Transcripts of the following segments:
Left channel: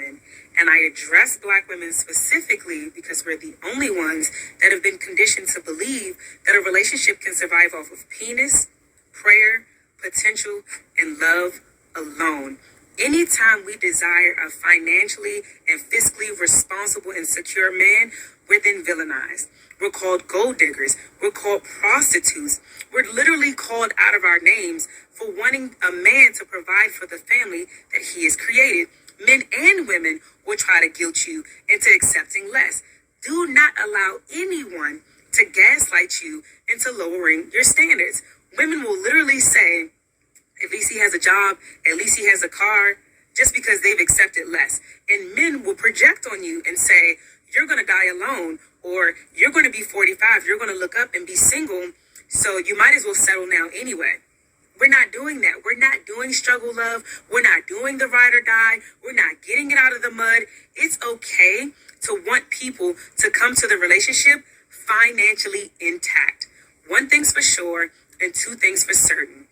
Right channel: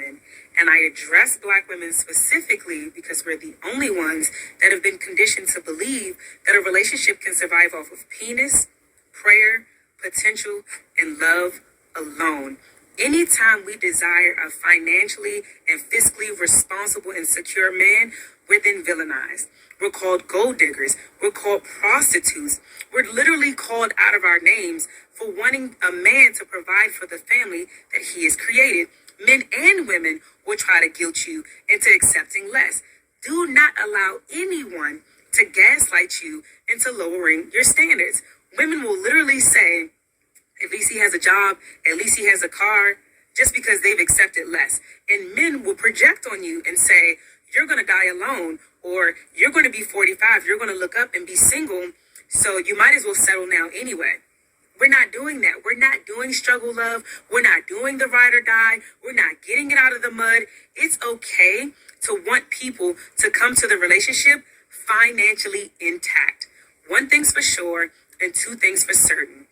women. And I address Black women specifically because we're the only ones that have been conditioned to believe that a relationship can survive off of penis, prayer, potential, and love alone. Anytime we desire a financially and fiscally responsible and secure man, we're then villainized. We're called gold diggers. We're called prostitutes. We're literally called out of our names for wanting a man to provide for the family that he has created. Men and women will try to guilt you into accepting less. Do not allow anyone to gaslight you into lowering your standards. Women will literally say, at least he has a job, at least he has a car, just because they've accepted less. And men will project on you and say, you're going to die alone, or you're going to be 45, you're going to look up and be single, so you might as well settle now anyway. We're not doing that. We're not doing struggle love. We're not doing the ride or die. We're not getting it out of the mud. It's okay to want people to come to the relationship financially intact. One thing's for sure and two things for certain.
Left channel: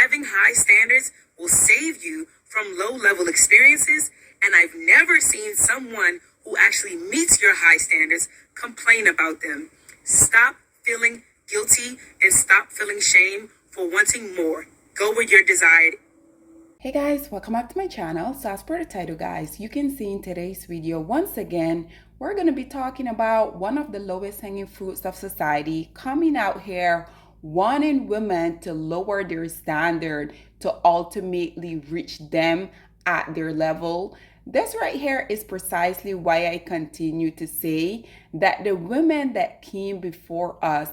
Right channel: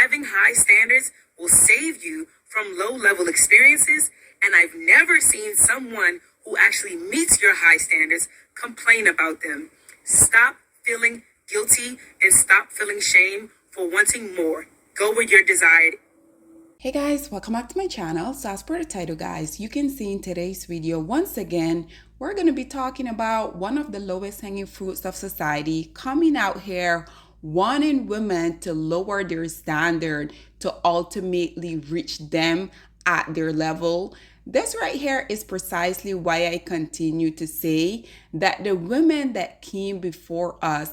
Having high standards will save you from low-level experiences, and I've never seen someone who actually meets your high standards complain about them. Stop feeling guilty and stop feeling shame for wanting more. Go where you're desired. Hey guys, welcome back to my channel. So as per the title, guys, you can see in today's video, once again, we're going to be talking about one of the lowest hanging fruits of society coming out here, wanting women to lower their standard to ultimately reach them at their level. This right here is precisely why I continue to say that the women that came before us,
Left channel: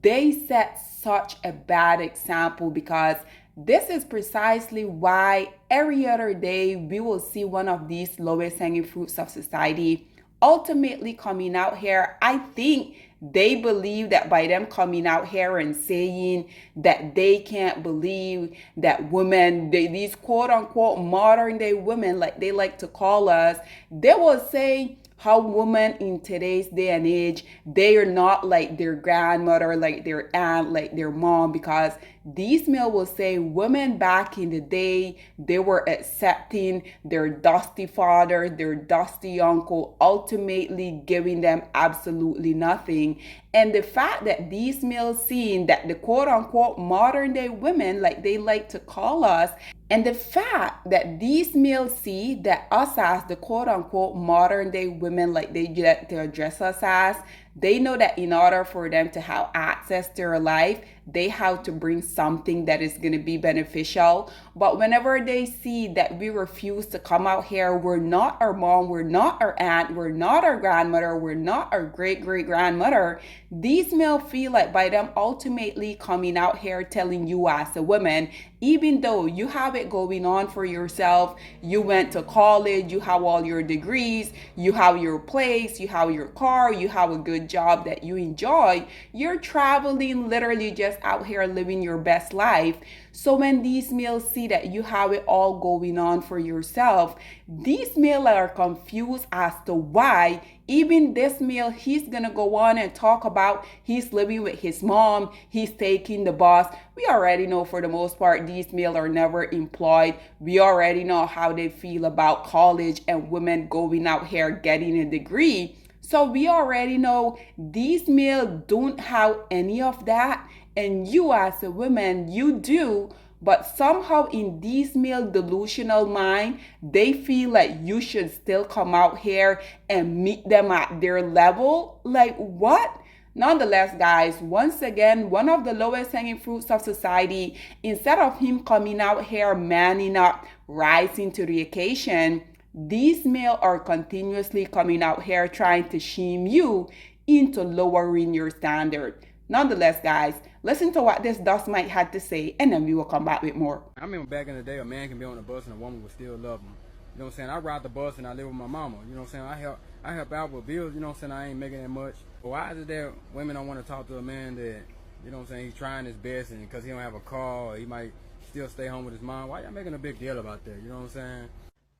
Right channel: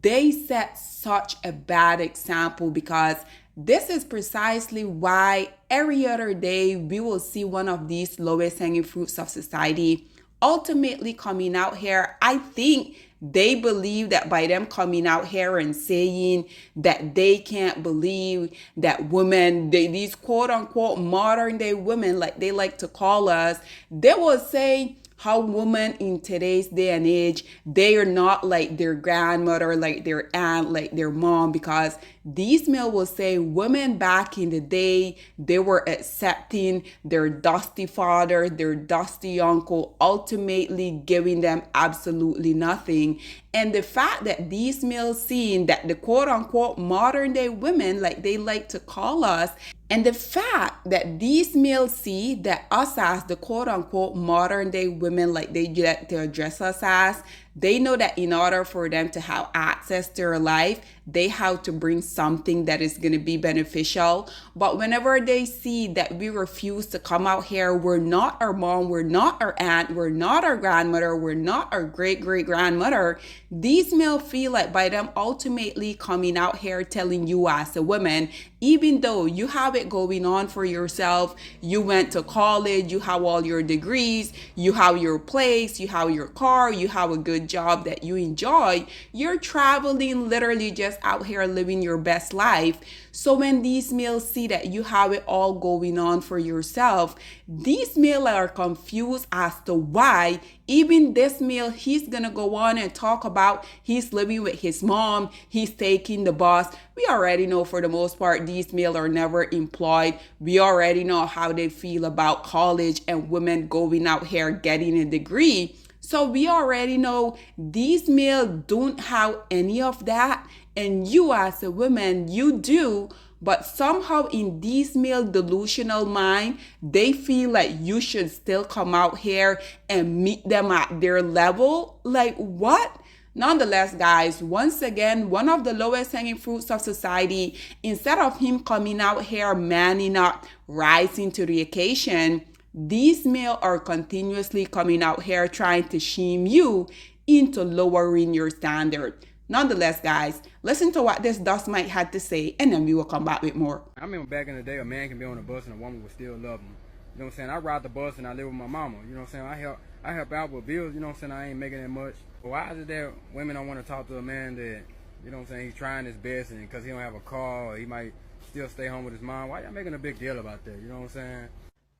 they set such a bad example, because this is precisely why every other day we will see one of these lowest hanging fruits of society ultimately coming out here. I think they believe that by them coming out here and saying that they can't believe that women, these quote unquote modern day women, like they like to call us, they will say how women in today's day and age, they are not like their grandmother, like their aunt, like their mom, because these men will say women back in the day, they were accepting their dusty father, their dusty uncle, ultimately giving them absolutely nothing. And the fact that these males seeing that the quote unquote modern day women, like they like to call us, and the fact that these males see that us as the quote unquote modern day women, like they like to address us as, they know that in order for them to have access to our life, they have to bring something that is going to be beneficial. But whenever they see that we refuse to come out here, we're not our mom, we're not our aunt, we're not our grandmother, we're not our great-great-grandmother, these males feel like by them ultimately coming out here telling you as a woman, even though you have it going on for yourself, you went to college, you have all your degrees, you have your place, you have your car, you have a good job that you enjoy, you're traveling, literally just out here living your best life. So when these males see that you have it all going on for yourself, these males are confused as to why even this male, he's gonna go on and talk about he's living with his mom, he's taking the bus. We already know for the most part these males are never employed. We already know how they feel about college and women going out here getting a degree. So we already know these males don't have any of that, and you as a woman, you do. But somehow in these male delusional mind, they feel like you should still come out here and meet them at their level. Like what? Nonetheless, guys, once again, one of the lowest hanging fruits of society, instead of him coming out here, manning up, rising to the occasion, these males are continuously coming out here trying to shame you into lowering your standard. Nonetheless, guys, listen to what this Dust Mike had to say, and then we will come back with more. I remember back in the day, a man can be on a bus and a woman would still love him. You know what I'm saying? I ride the bus and I live with my mama. You know what I'm saying? I help out with bills. You know what I'm saying? I ain't making that much. But why is it that women don't want to talk to a man that, you know what I'm saying, he's trying his best, and because he don't have a car or he might still stay home with his mom? Why y'all making a big deal about that? You know what I'm saying?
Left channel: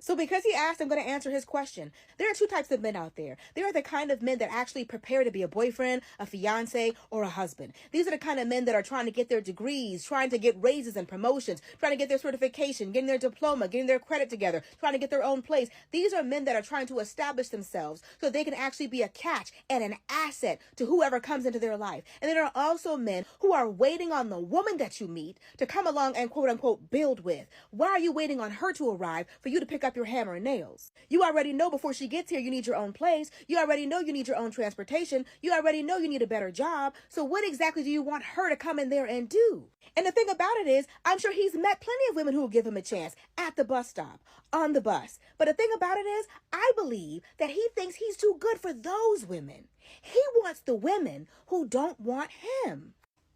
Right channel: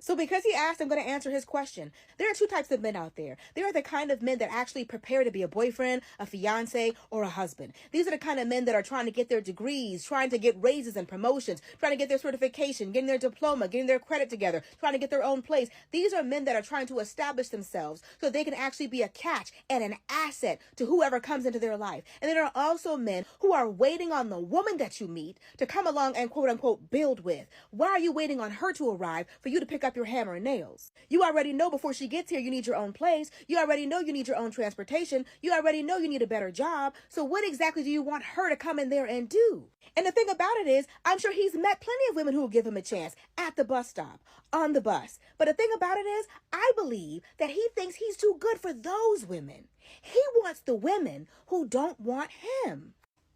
So because he asked, I'm going to answer his question. There are two types of men out there. There are the kind of men that actually prepare to be a boyfriend, a fiance, or a husband. These are the kind of men that are trying to get their degrees, trying to get raises and promotions, trying to get their certification, getting their diploma, getting their credit together, trying to get their own place. These are men that are trying to establish themselves so they can actually be a catch and an asset to whoever comes into their life. And then there are also men who are waiting on the woman that you meet to come along and quote unquote build with. Why are you waiting on her to arrive for you to pick up your hammer and nails? You already know before she gets here you need your own place. You already know you need your own transportation. You already know you need a better job. So what exactly do you want her to come in there and do? And the thing about it is, I'm sure he's met plenty of women who will give him a chance at the bus stop, on the bus. But the thing about it is, I believe that he thinks he's too good for those women. He wants the women who don't want him.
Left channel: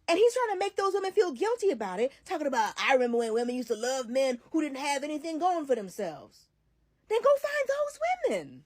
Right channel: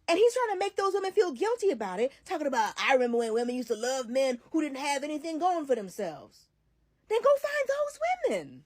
And he's trying to make those women feel guilty about it, talking about, I remember when women used to love men who didn't have anything going for themselves. Then go find those women.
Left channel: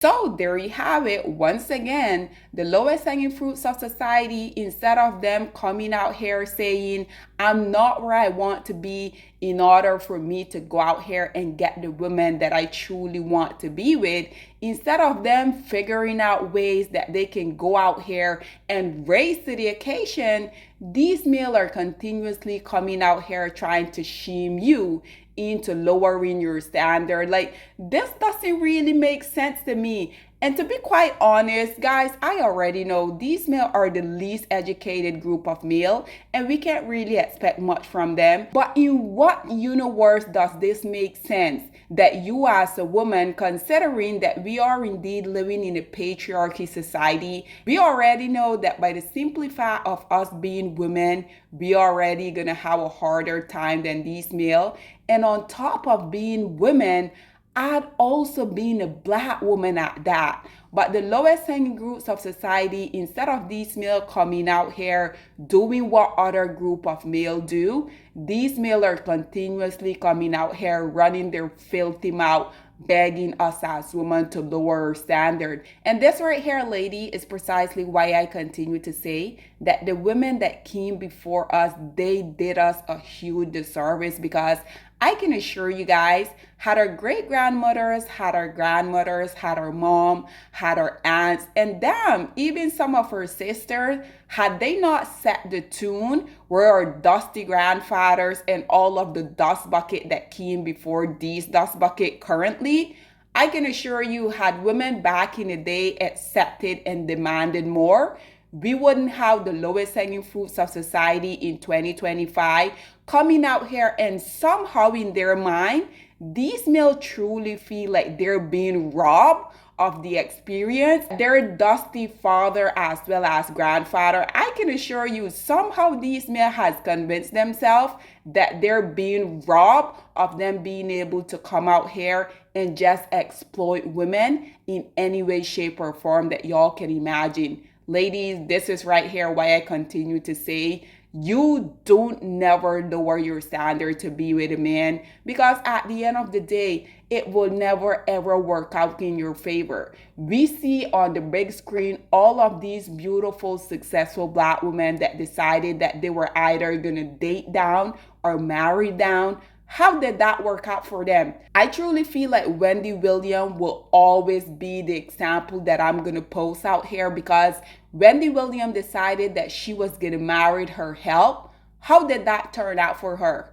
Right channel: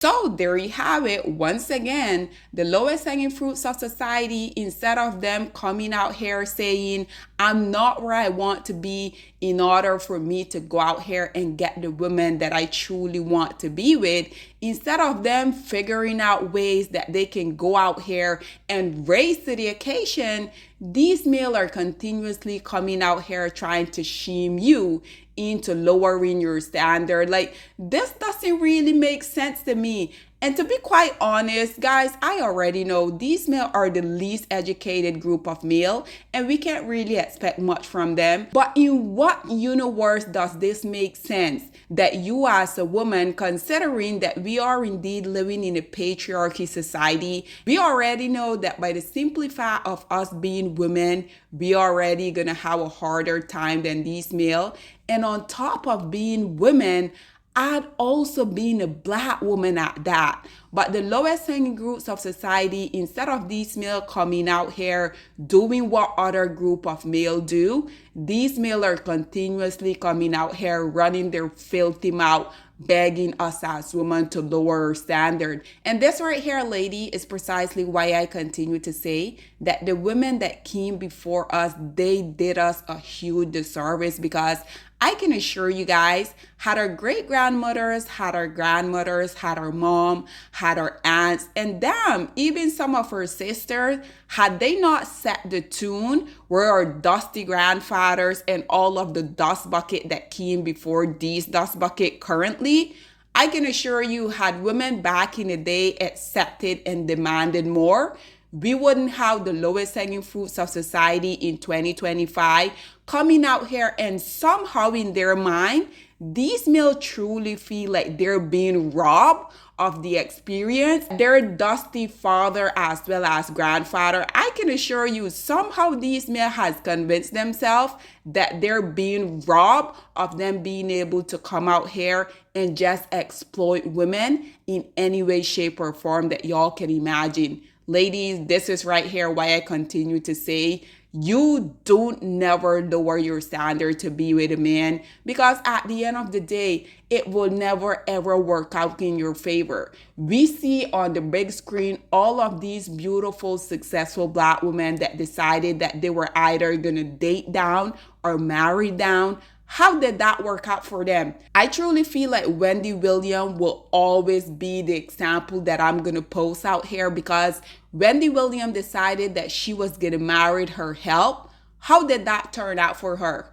So there you have it. Once again, the lowest hanging fruits of society, instead of them coming out here saying, I'm not where I want to be in order for me to go out here and get the woman that I truly want to be with, instead of them figuring out ways that they can go out here and raise to the occasion, these males are continuously coming out here trying to shame you into lowering your standard. Like, this doesn't really make sense to me. And to be quite honest, guys, I already know these males are the least educated group of male, and we can't really expect much from them. But in what universe does this make sense? That you as a woman, considering that we are indeed living in a patriarchy society, we already know that by the simple fact of us being women, we already gonna have a harder time than these male. And on top of being women, I'd also been a black woman at that. But the lowest hanging groups of society, instead of these male coming out here doing what other group of male do, these male are continuously coming out here running their filthy mouth, begging us as women to lower our standard. And this right here, lady, is precisely why I continue to say that the women that came before us, they did us a huge disservice, because I can assure you guys, had our great-grandmothers, had our grandmothers, had our mom, had our aunts, and damn, even some of her sisters, had they not set the tune where our dusty grandfathers and all of the dust bucket that came before these dust bucket currently, I can assure you, had women back in the day accepted and demanded more, we wouldn't have the lowest hanging fruits of society in 2025 coming out here, and somehow in their mind, these males truly feel like they're being robbed of the experience. Their dusty father as well as grandfather, I can assure you, somehow these males has convinced themselves that they're being robbed of them being able to come out here and just exploit women in any way, shape, or form that y'all can imagine. Ladies, this is right here why I continue to say, you don't never lower your standard to be with a man, because at the end of the day, it will never ever work out in your favor. We see on the big screen all of these beautiful, successful black women that decided that they were either gonna date down or marry down. How did that work out for them? I truly feel like Wendy Williams will always be the example that I'm going to post out here, because Wendy Williams decided that she was going to marry her help. How did that turn out for her?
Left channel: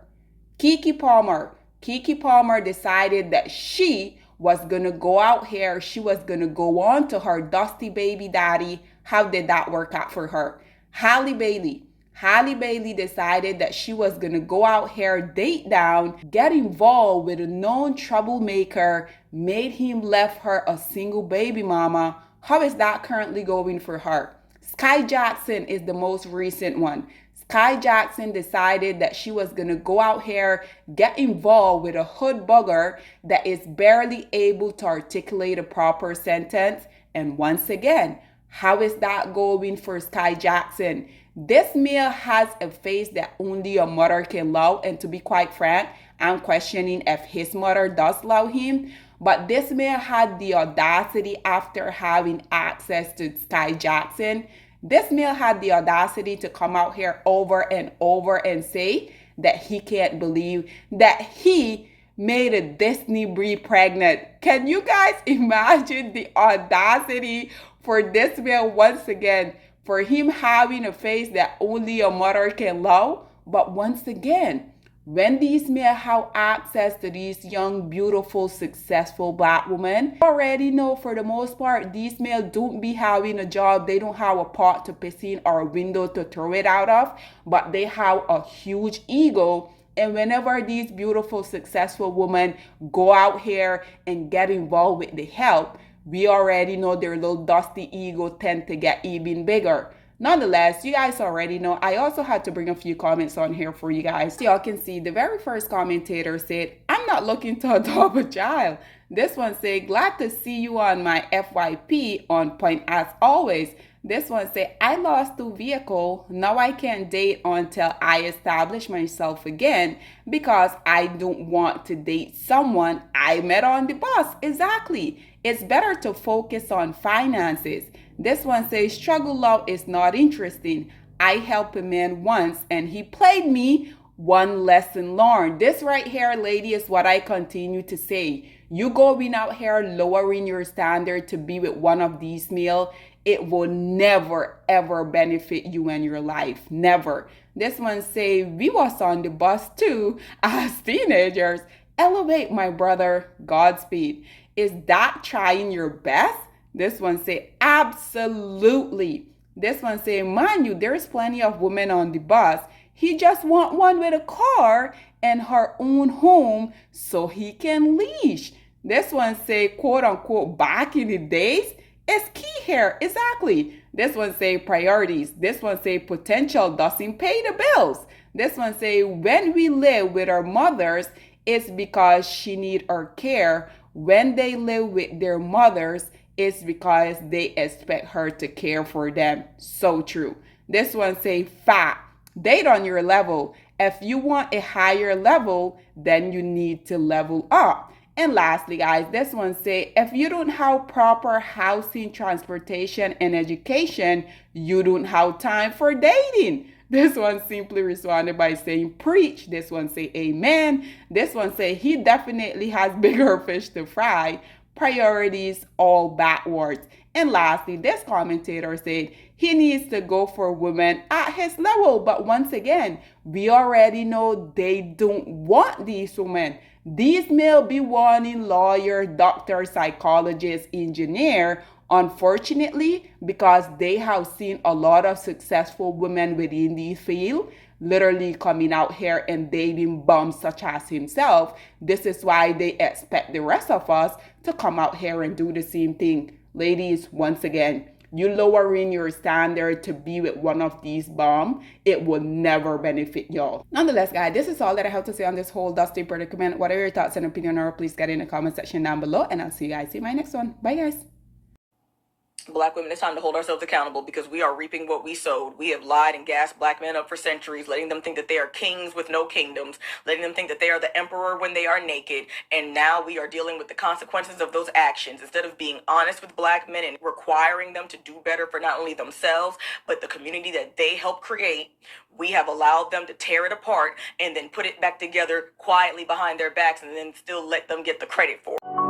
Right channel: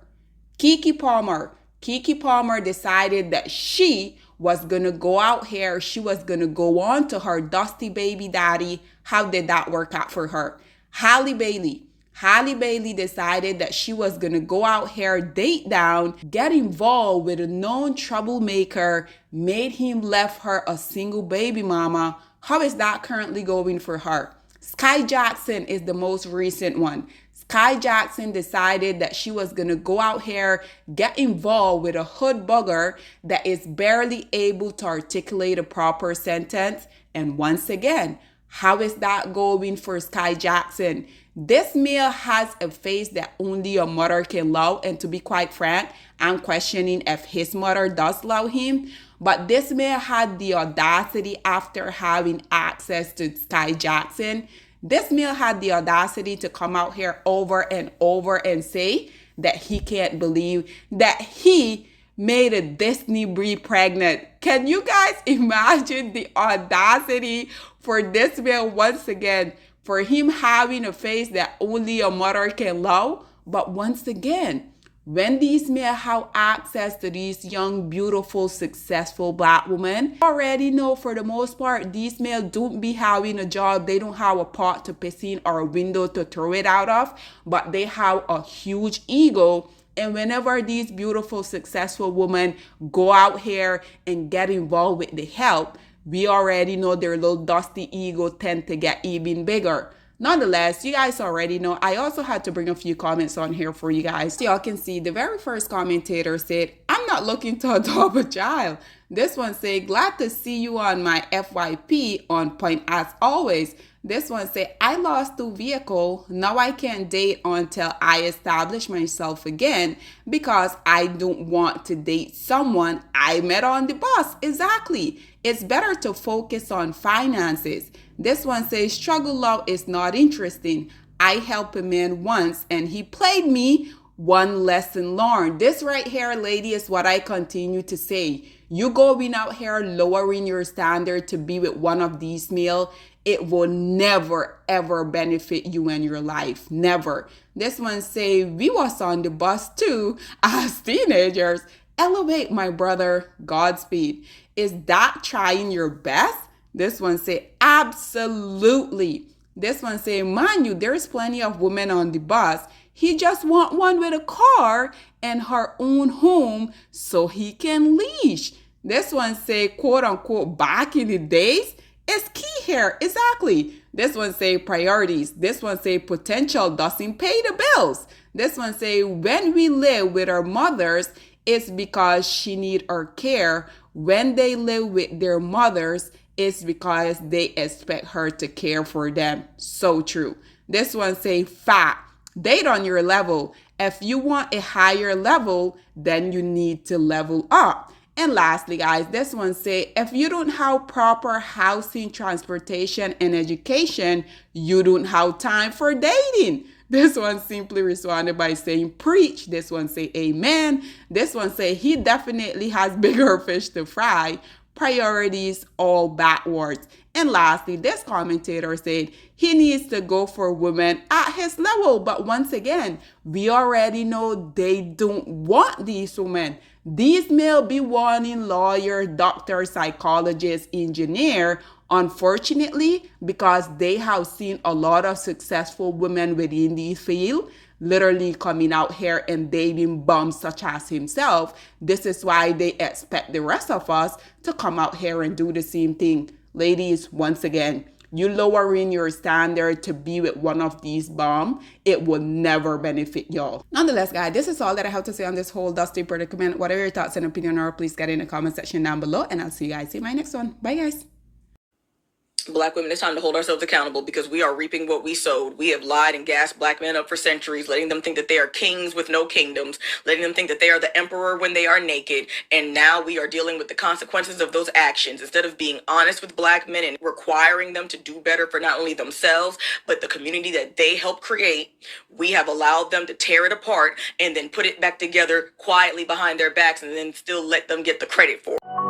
Keke Palmer decided that she was going to go out here. She was going to go on to her dusty baby daddy. How did that work out for her? Halle Bailey decided that she was going to go out here, date down, get involved with a known troublemaker, made him left her a single baby mama. How is that currently going for her? Sky Jackson is the most recent one. Sky Jackson decided that she was going to go out here, get involved with a hood bugger that is barely able to articulate a proper sentence. And once again, how is that going for Sky Jackson? This male has a face that only a mother can love, and to be quite frank, I'm questioning if his mother does love him. But this man had the audacity, after having access to Sky Jackson, this male had the audacity to come out here over and over and say that he can't believe that he made a Disney breed pregnant. Can you guys imagine the audacity for this man once again, for him having a face that only a mother can love? But once again, when these men have access to these young, beautiful, successful black women, you already know for the most part, these men don't be having a job. They don't have a pot to piss in or a window to throw it out of, but they have a huge ego. And whenever these beautiful, successful women go out here and get involved with the help, we already know their little dusty ego tend to get even bigger. Nonetheless, you guys already know, I also had to bring a few comments on here for you guys. So y'all can see the very first commentator said, I'm not looking to adopt a child. This one said, glad to see you on my FYP, on point as always. This one said, I lost 2 vehicles. Now I can't date until I establish myself again because I don't want to date someone I met on the bus. Exactly. It's better to focus on finances. This one says, struggle love is not interesting. I helped a man once and he played me. One lesson learned. This right here, lady, is what I continue to say. You going out here lowering your standard to be with one of these male, it will never ever benefit you in your life. Never. This one say, we was on the bus too as teenagers. Elevate, my brother. Godspeed. Is that trying your best? This one say, absolutely. This one say, mind you, there's plenty of women on the bus. He just want one with a car and her own home so he can leash. This one say, quote unquote, back in the days. It's key here. Exactly. This one say priorities. This one say potential doesn't pay the bills. This one say when we live with our mothers, it's because she need our care. When they live with their mothers, it's because they expect her to care for them. So true. This one say fact. Date on your level. If you want a higher level, then you need to level up. And lastly, guys, this one say, if you don't have proper housing, transportation, and education, you don't have time for dating. This one simply responded by saying, preach. This one say, amen. This one say, he definitely has bigger fish to fry. Priorities all backwards. And lastly, this commentator said he needs to go for women at his level. But once again, we already know they don't want these women. These male be wanting lawyer, doctor, psychologist, engineer. Unfortunately, because they have seen a lot of successful women within this field literally coming out here and dating bums such as himself. This is why they expect the rest of us to come out here and do the same thing. Ladies, once again, you lowering your standard to be with one of these bums, it will never benefit y'all. Nonetheless, guys, this is all that I have to say on this whole dusty predicament. What are your thoughts and opinion, or please get in the comment section down below, and I'll see you guys in my next one. Bye, guys. Black women, it's time to hold ourselves accountable because we are reaping what we sowed. We have lied and gassed black men up for centuries, letting them think that they are kings with no kingdoms, letting them think that they are the emperor when they are naked. And now we are dealing with the consequences of those actions. Instead of being honest with black men and requiring them to do better for not only themselves, but the community that they helped create, we have allowed them to tear it apart and then put it back together quietly behind their backs and then still let them get the credit for it.